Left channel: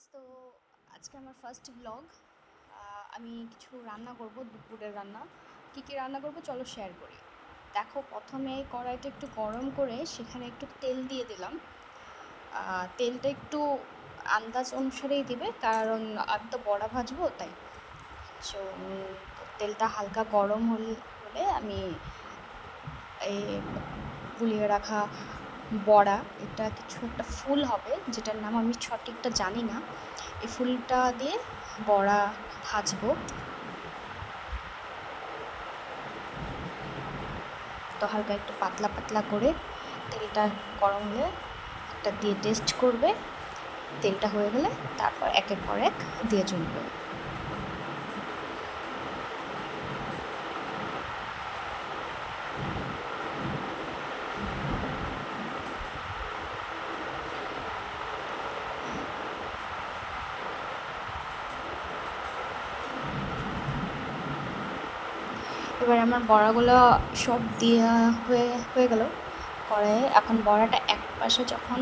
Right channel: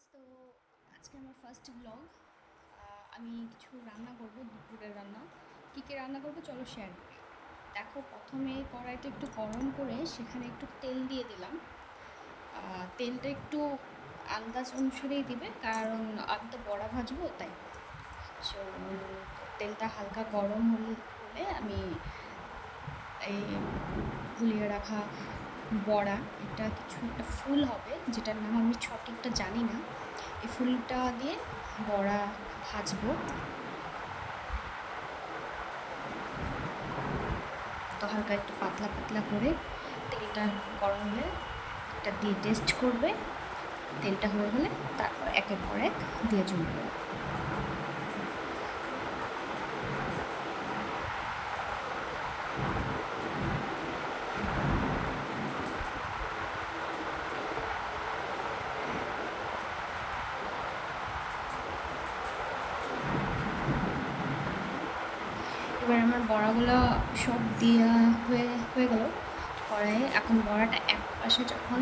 Guys, তো আজকে আমার ফার্স্ট ব্লগ। আমি কিছু রান্না করব, দুপুরের রান্না। কী কী রান্না করব চলো শেয়ার করি। দেখো, প্রথমে কড়াইটা একটু গরম করে সেখানে একটু তেল দিয়ে দিলাম। তেলটা একটু আন্দাজ অনুসারেই দিবে, কারণ আমি তো বড়া ভাজবো তাই। সো তেলটা হালকা গরম হলে আমি এই গুলিয়ে রাখা বড়া, এটা কিছু একটা ফুল হবে যেটার নাম আমি সঠিকটা জানি না, এই ফুলটা দিয়ে বড়া ভাজবো। তো হালকা একটু পাতলা পাতলা করে তেলটা গরম হলে একটা দিয়ে টেস্ট করবে। তেলটা হয়ে গেলে তারপর একের পর এক দিয়ে চলবে। এবার আমার বড়াগুলো সব দেওয়া হয়ে হয়ে গেল কড়াইয়ে। এখন বড়াটা এক পাশে যখন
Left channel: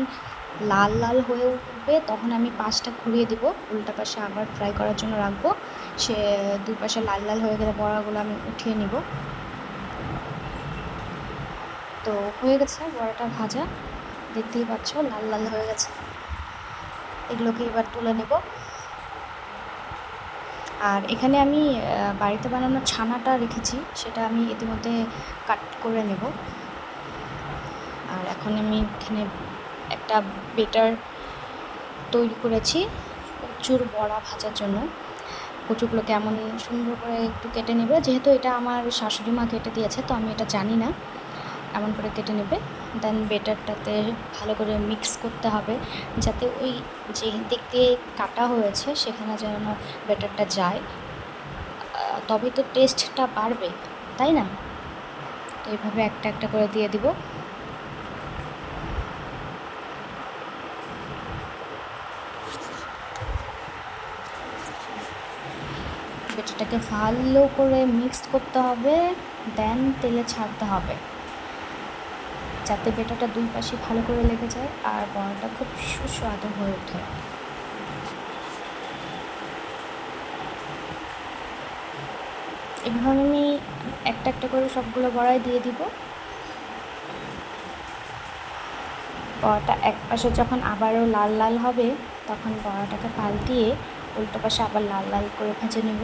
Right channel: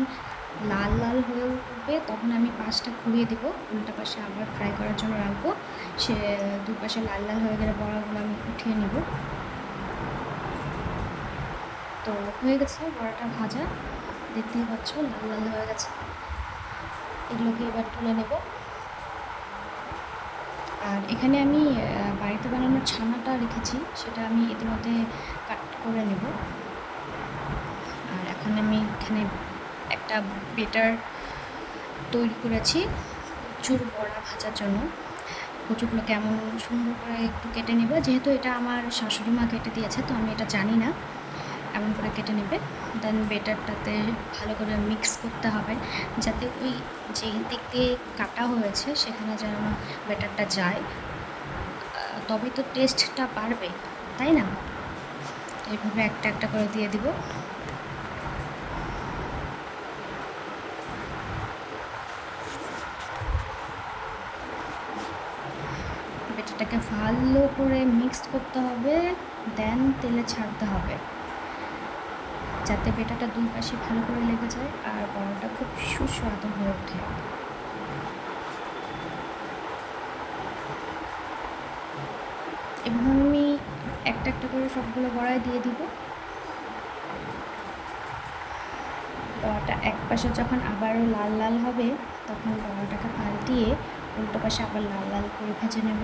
লাল লাল হয়ে উঠবে তখন আমি পাশটা ঘুরিয়ে দিব, উল্টা পাশে আবার ফ্রাই করার জন্য রাখবো। সে দুই পাশে লাল লাল হয়ে গেলে বড়াগুলো আমি উঠিয়ে নিব। তো হয়ে গেছে বড়াটা ভাজা, দেখতেই পাচ্ছ লাল লাল হয়ে গেছে। এগুলোকে এবার তুলে নেব। আর এখানে আমি বাড়িতে বানানো ছানাটা রেখেছি, সেটা আমি ইতিমধ্যে কাট করে নেব। আর এখন আমি এখানে একটা বেটার তৈরি করেছি কচুর বড়া ভাজার জন্য। কচুগুলো কেমন সুন্দর করে একটু কেটে নেবে, যেহেতু এটা আমার শাশুড়ি মা কেটে দিয়েছে তো আমি এটা জানি না। এমন করে কেটে নেবে, দেন বেটারটাতে ভালো করে মিক্স করতে হবে, যাতে ওই যে দিক দিয়ে কাটা হয়েছে সেখানে যেন বেটারটা যায়, তবে তো টেস্টটা বাড়বে, তাই না? তো এইভাবে একটা একটা করে দিয়ে দিব। বেটারটাকে ভালো করে মিক্সড করতে হবে, দেন তেলে ছাড়তে হবে, যাতে বেটাটা দুই পাশে ভালো করে লেগে যায় আর বড়াটা খুব সুস্বাদু হয়ে ওঠে। এভাবে আমি একটা একটা করে সবগুলো বড়াই দিয়ে দিব। বড়াটা এক পাশে যখন আবারও লাল লাল হবে তখন বড়াটাকে পাল্টিয়ে উল্টো পাশে আবার লাল লাল করে ভেজে নেব।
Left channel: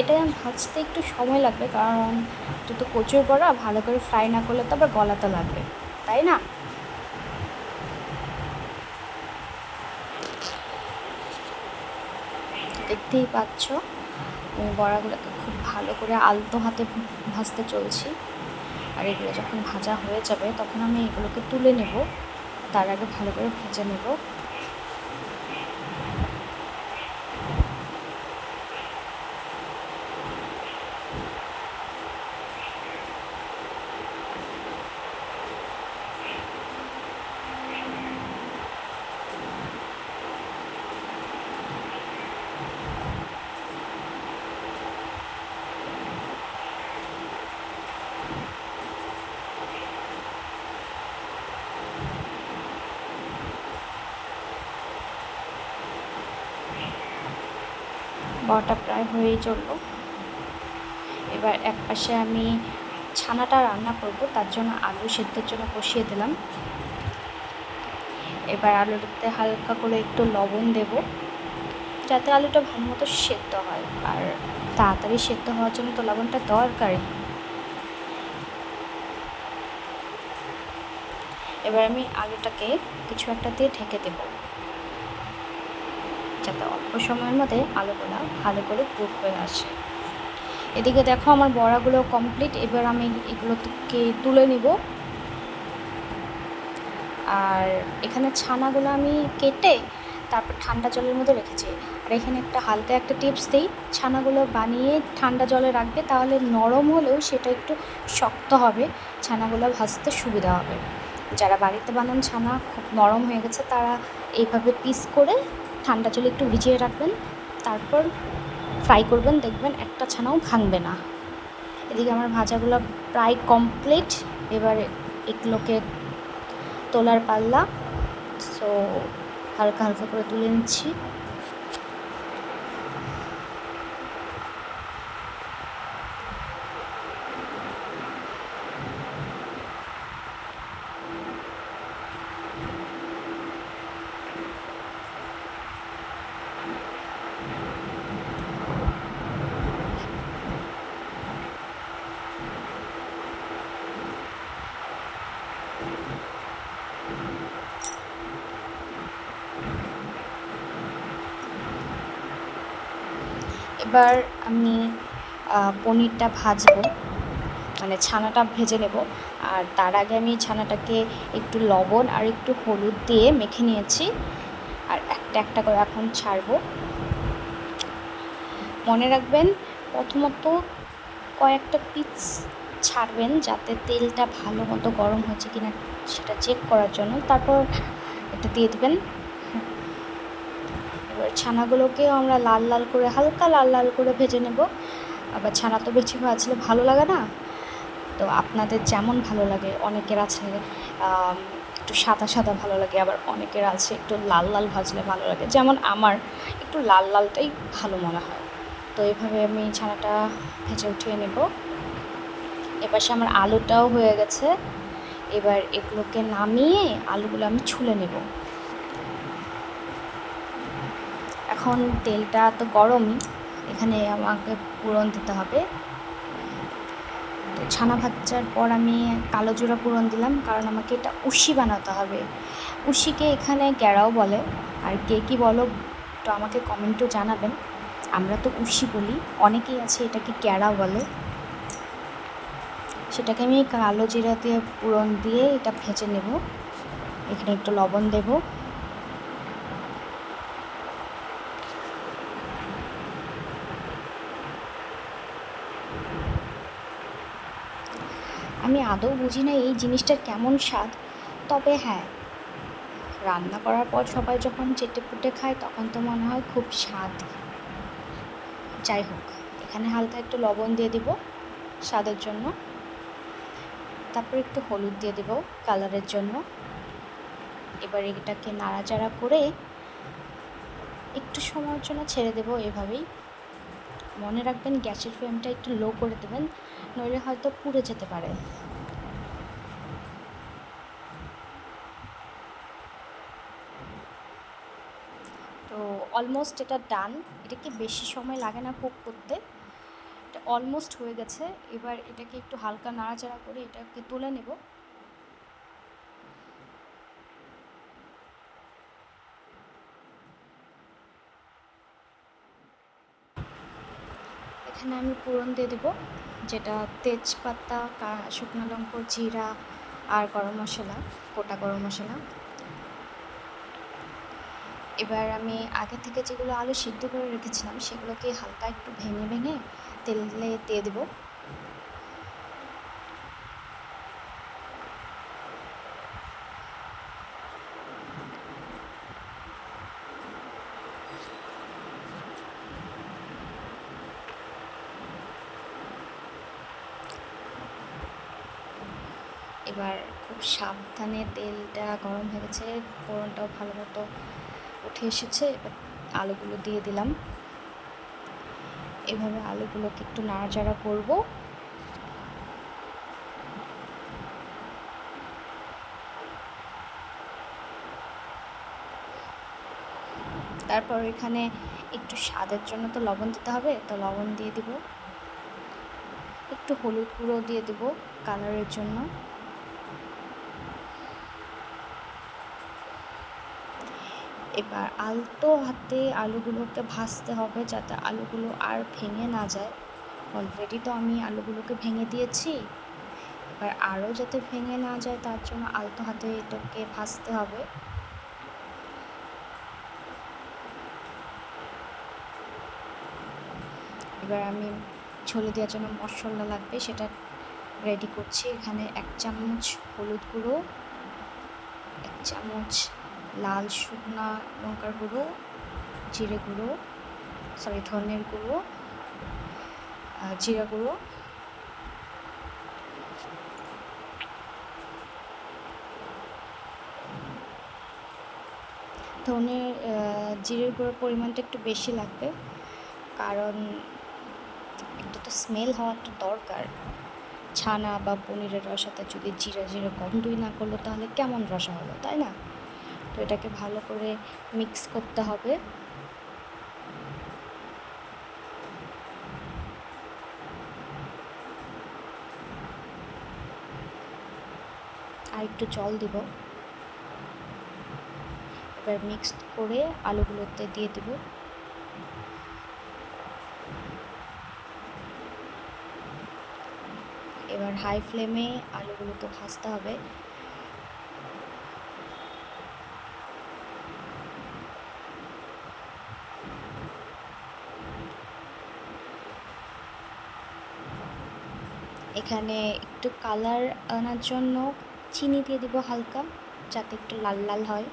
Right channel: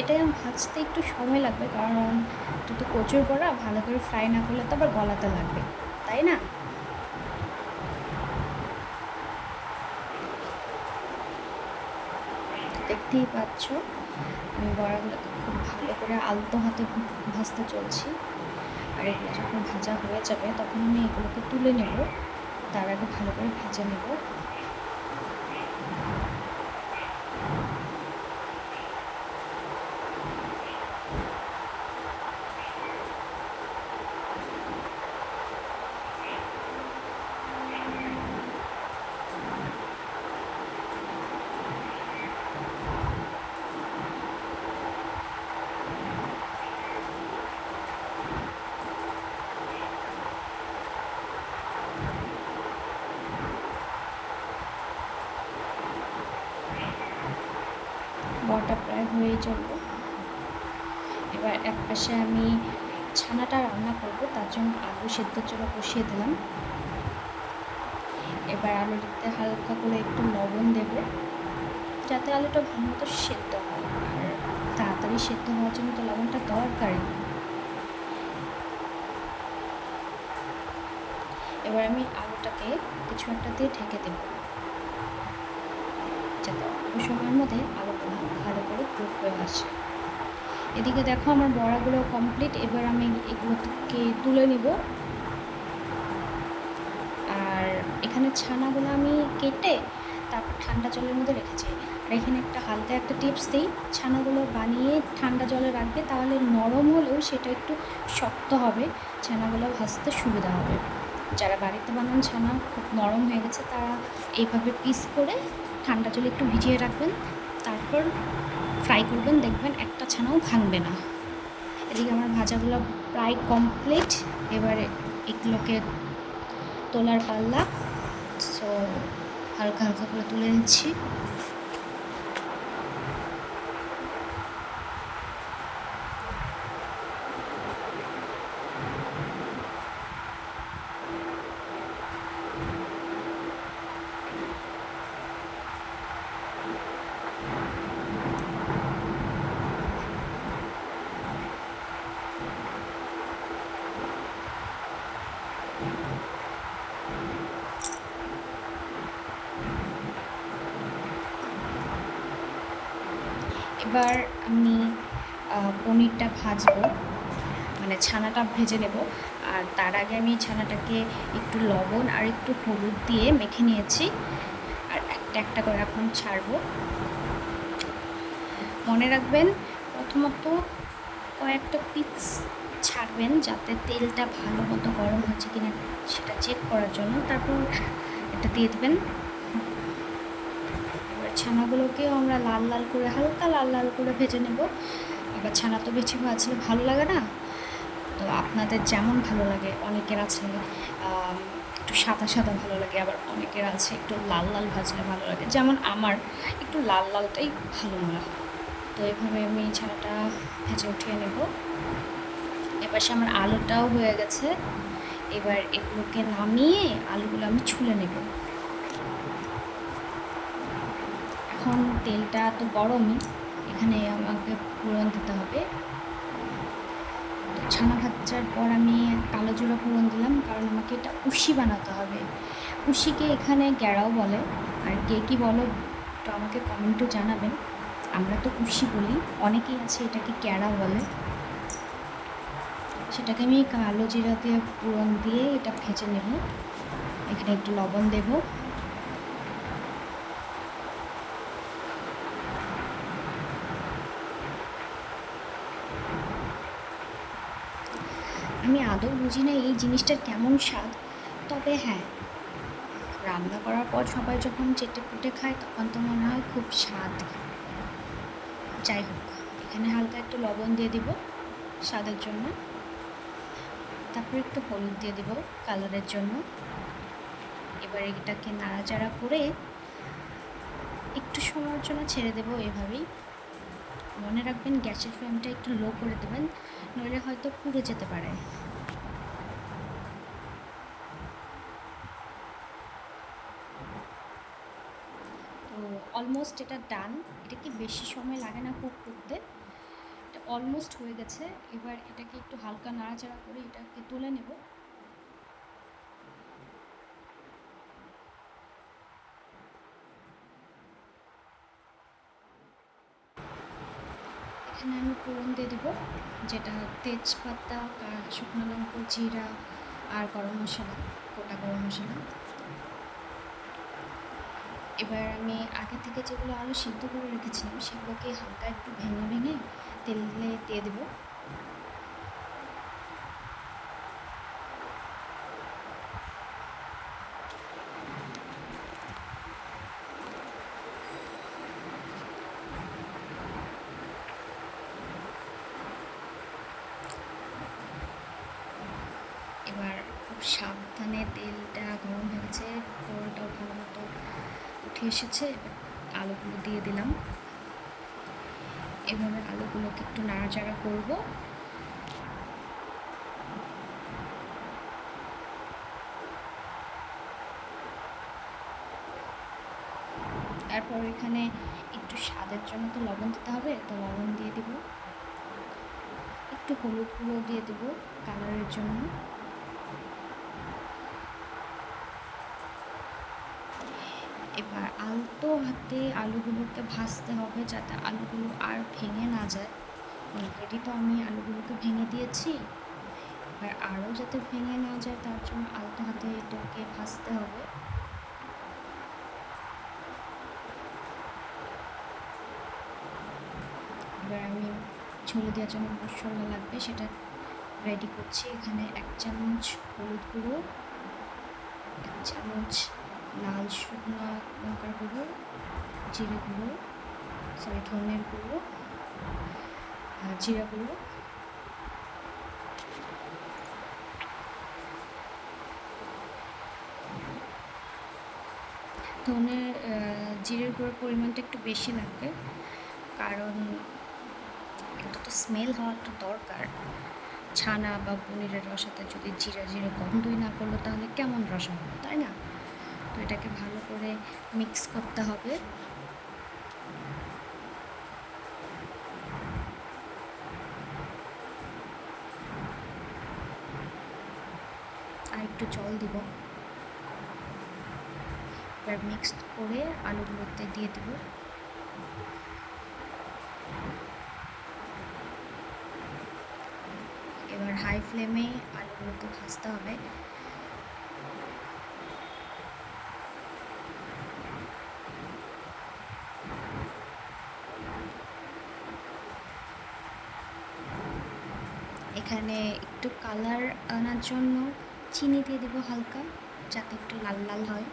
এটা ভাজতে একটু সময় লাগবে, কারণ এটা তো কচুর বড়া, ভালো করে ফ্রাই না করলে তো আবার গলাতে লাগবে, তাই না? দেখতেই পাচ্ছ আমি বড়াগুলোকে খুব ভালো করে আলতো হাতে ভাজতে চলছি। আর এগুলো যখন ভাজা হয়ে যাবে তখন আমি এগুলোকে তুলে নেব, তার আগে ভালো করে ভেজে নেব। বড়াটা প্রায় হয়েই চললো। এবার এক পাশে আমি ছানাটা রান্না করব, তার জন্য আলু সেদ্ধর জন্য কষিয়ে দিলাম। এবার আলুটাতে হালকা করে একটু লবণ দেব, যাতে আলুটা ভালো মতো সেদ্ধ হয়, আর তাড়াতাড়ি সেদ্ধ হওয়ার জন্য তো লবণটা দরকারই। এবার আমি আলুটাকে কিছু একটা দিয়ে ঢেকে দেব, যাতে অল্প সময়ের মধ্যে আলুগুলো ভালো করে কুক হয়ে আসে। এদিকে দেখো আমার বড়াগুলো কমপ্লিট। এবার আমি এগুলোকে তুলে নিব। আর এখানে ছানাগুলো আমি কেটে তারপর ঠান্ডা জলের মধ্যে রেখেছি। আর এখানে একটা হালকা একটা টিপস দিই, ছানাগুলো বানিয়ে ঠান্ডা জলে রাখবে, তাহলে নরম হলেও সেটা একটু শক্ত হবে, ছানাগুলো ভাজতে সুবিধা হবে। যারা বাড়িতে বানান ছানা খুব নরম হয়ে গেছে তারা এইভাবে পিস করে ঠান্ডা জলে একটু ভিজিয়ে রাখবেন, তারপর ফ্রাই করবেন, দেখবেন একটা ছানাও ভাঙবে না। এদিকে আমার ভাজাগুলো প্রায় কমপ্লিট। এবারে এগুলোকে তোলার পাল্লা। সো হালকা হালকা করে তুলে নিচ্ছি। এবার আমি পনিরটা ভাজবো, মানে ছানাটা ভেজে নেব। আর তার আগে আমি ছানাটাকে একটু লবণ আর একটু হলুদ দিয়ে মেখে নিয়েছি। আর একটা একটা করে এখন ছাড়বো। মনে রাখবেন প্রথমত কয়েকটা পিস ছাড়বেন, যাতে তেলটা ভালো মতো গরম হয়েছে কিনা সেটা চেক করার জন্য। তারপর এটা দিয়ে দেবেন। এবার ছানাগুলোকেও আমরা লাল লাল করে, হালকা লাল লাল করে ভেজে নেব। আবার ছানা তো বেশি ভাজলে ভালো লাগে না, তো আপনাদের যেমন ভালো লাগে। অনেকের আছে একটু সাদা সাদা ভালো লাগে, আবার অনেকের আছে একটু লাল লাল ভাজলে ভালো লাগে। যেমন আমার একটু লাল লালটাই ভালো মনে হয়। তো এইভাবে আমি ছানাটা ভেজে উঠিয়ে নেব। এপাশে আমার আলুটাও হয়ে গেছে। এবার এগুলোকে নামিয়ে আলুগুলো আমি ছুলে নেব। এখন তেলটা তো গরম, এখানে আমাকে পুরন দিতে হবে। তো ছানা ভাজার পর আমি কালো জিরা পুরন দিলাম, কারণ আমাকে এটা উশি বানাতে হবে। উশিকে এখানে গ্যাড়াও বলে, আর কে কী বলো তো আমাকে কমেন্টেও জানাবেন। আমরা তো উশি বলি, অনেকেই আছে এটাকে গ্যাড়া বলে। সেটাকে আমি কালো জিরা দিয়ে পুরন দিয়ে এটা ভেজে নেব। এখানে একটু লবণ দেব। আমি আদৌ বুঝি না এই জিনিসটার কেমন স্বাদ, তবে হ্যাঁ, রান্না করার পর সবাই যখন চেটেপুটে খায় তখন তো মনে হয় খুব স্বাদ। যাই হোক, এখানে হালকা একটু লবণ দিয়ে দিব স্বাদের জন্য। তারপর একটু হলুদ দিয়ে দেব কালারের জন্য। এবার এটাকে নাড়াচাড়া করে একটু সময়ের জন্য ছেড়ে দেব এভাবেই। মনে রাখবেন গ্যাসের ফ্লেমটা একটু লো করে দেবেন, নইলে হয়তো পুড়ে যেতে পারে। তো অলমোস্ট এটা ডান। এটাকে বেশি সময় লাগে না কুক করতে, এটা অলমোস্ট হয়ে গেছে। এবার এটাকে একটু হালকা নাড়াচাড়া করে এটাকে তুলে নেব। এখানে আমি ফোড়ন দিয়ে দেবো, যেটা তেজপাতা, শুকনো লঙ্কা, জিরা আর গরম মশলা, গোটা গরম মশলা। এবার আমি আগে থেকে যেগুলো আলু সিদ্ধ করে রেখেছিলাম সেগুলোকে হালকা একটু ভেঙে ভেঙে তেলে দিয়ে দেবো। এবার খুব সাবধানে তেলটা গরম হয়ে গেছে, ফোড়নটাও ভালো মতো উঠে এসেছে। এবার আলুগুলো দিয়ে দিলাম। এভাবে আলুগুলোকে একটু নাড়াচাড়া করব। তারপর এখানে একটু স্বাদের জন্য তো লবণ দিতে হবে, তো লবণ দিয়ে দিব। একটু হলুদ গুঁড়ো দিয়ে দেবো কালারের জন্য। এবার আলতো হাতে আলুগুলোকে ভাজতে হবে, যাতে আলুগুলো আর ভেঙে না যায়। অলরেডি তো আমি আলুগুলোকে ভেঙে দিয়েছি, এবার আরও যাতে ভেঙে না যায় তার জন্য আলতো হাতে এটাকে ভাজতে হবে। এবার আমি ঝোলে দেওয়ার জন্য মশলা লাগবে সেটা রেডি করছি। এখানে 1 চামচ হলুদ গুঁড়ো, 1 চামচ লাল শুকনো লঙ্কার গুঁড়ো, জিরে গুঁড়ো, ধনের গুঁড়ো, জিরা গুঁড়ো, ধনে জিরের গুঁড়োর পরিমাণটা একটু বেশি লাগবে, কারণ একটা তো স্মেল হওয়াটা দরকার। ছানা বা পনিরের রসাতে যদি জিরে জিরে গন্ধই না করলো তাহলে কেমন রসা হলো, তাই না? তো এটাকে ভালো করে মিক্স করতে হবে। আর একটু জল দিব। এবার মিক্সড করে আলুগুলোতে দিয়ে দিব। এবার হাই ফ্লেমে আলুগুলোকে ভাজতে হবে। এখানে একটু কালার আনার জন্য চিনি দিয়ে দিব হালকা, যাতে একটু লাল লাল হয়।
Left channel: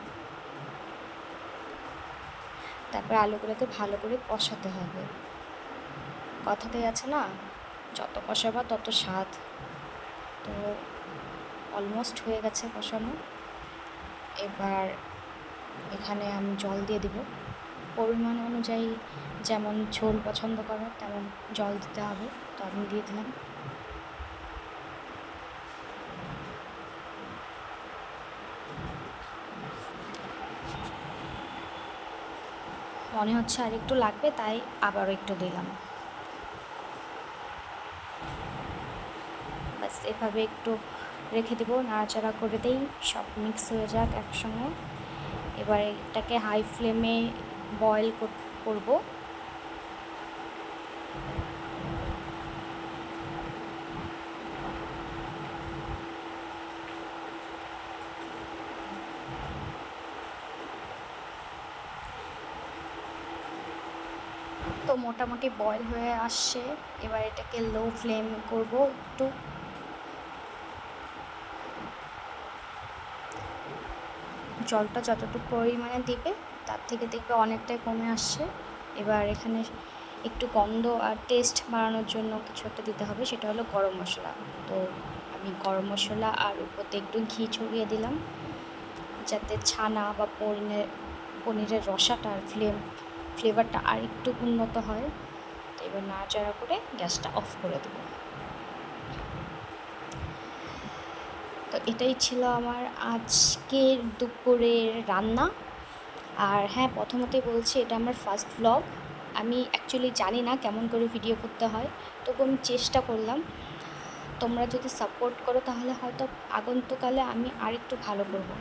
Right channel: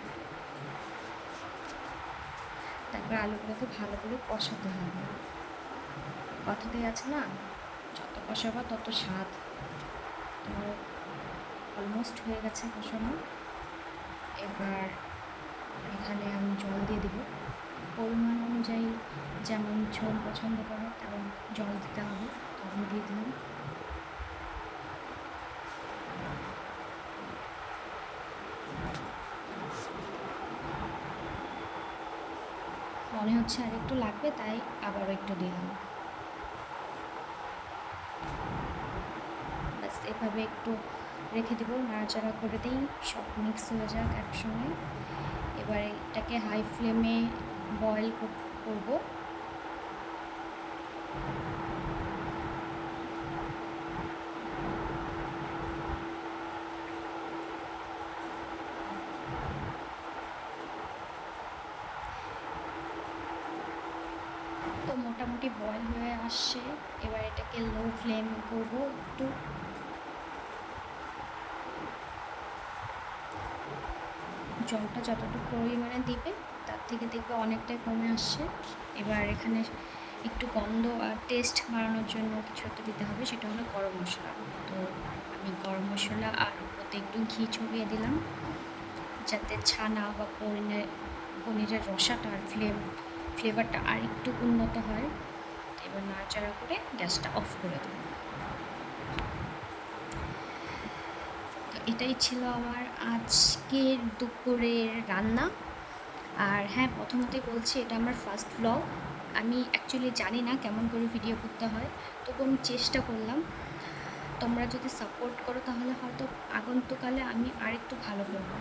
তারপর আলুগুলোকে ভালো করে কষাতে হবে। কথাতেই আছে না, যত কষাবা তত স্বাদ। তো অলমোস্ট হয়ে গেছে কষানো। এবার এখানে আমি জল দিয়ে দিব পরিমাণ অনুযায়ী, যেমন ঝোল পছন্দ করো তেমন জল দিতে হবে। তো আমি দিয়ে দিলাম। মনে হচ্ছে আর একটু লাগবে, তাই আবারও একটু দিলাম। বাস এভাবে একটু রেখে দেবো, নাড়াচাড়া করে দিই, সব মিক্স হয়ে যাক একসঙ্গে। এবার এটাকে হাই ফ্লেমে বয়েল করব। তো মোটামুটি বয়েল হয়ে আসছে। এবার এটাকে লো ফ্লেম করব একটু। জলটা যতটুকু পরিমাণে দিবে তার থেকে দেখবে অনেকটাই কমে আসছে। এবার এখানে একটু গন্ধ আর টেস্ট বাড়ানোর জন্য কিছু একটা দিতে হবে, সেটা হলো গরম মশলা। তো আমি গরম মশলা আর উপরে একটু ঘি ছড়িয়ে দিলাম, যাতে ছানা বা পনিরের রসাটার ফ্লেভারটা আর একটু উন্নত হয়। তো এবার নাড়াচাড়া করে গ্যাসটা অফ করে দেবো। তো এটাই ছিল আমার আজকের দুপুরের রান্না। আর হ্যাঁ, প্রথমতেই বলছি এটা আমার ফার্স্ট ব্লগ। আমি অ্যাকচুয়ালি জানি না কেমন করে ভিডিও করতে হয়, তবু আমি চেষ্টা করলাম। তোমরা যদি সাপোর্ট করো তাহলে হয়তো আগন্তকালে আমি আরেকটু ভালো করবো।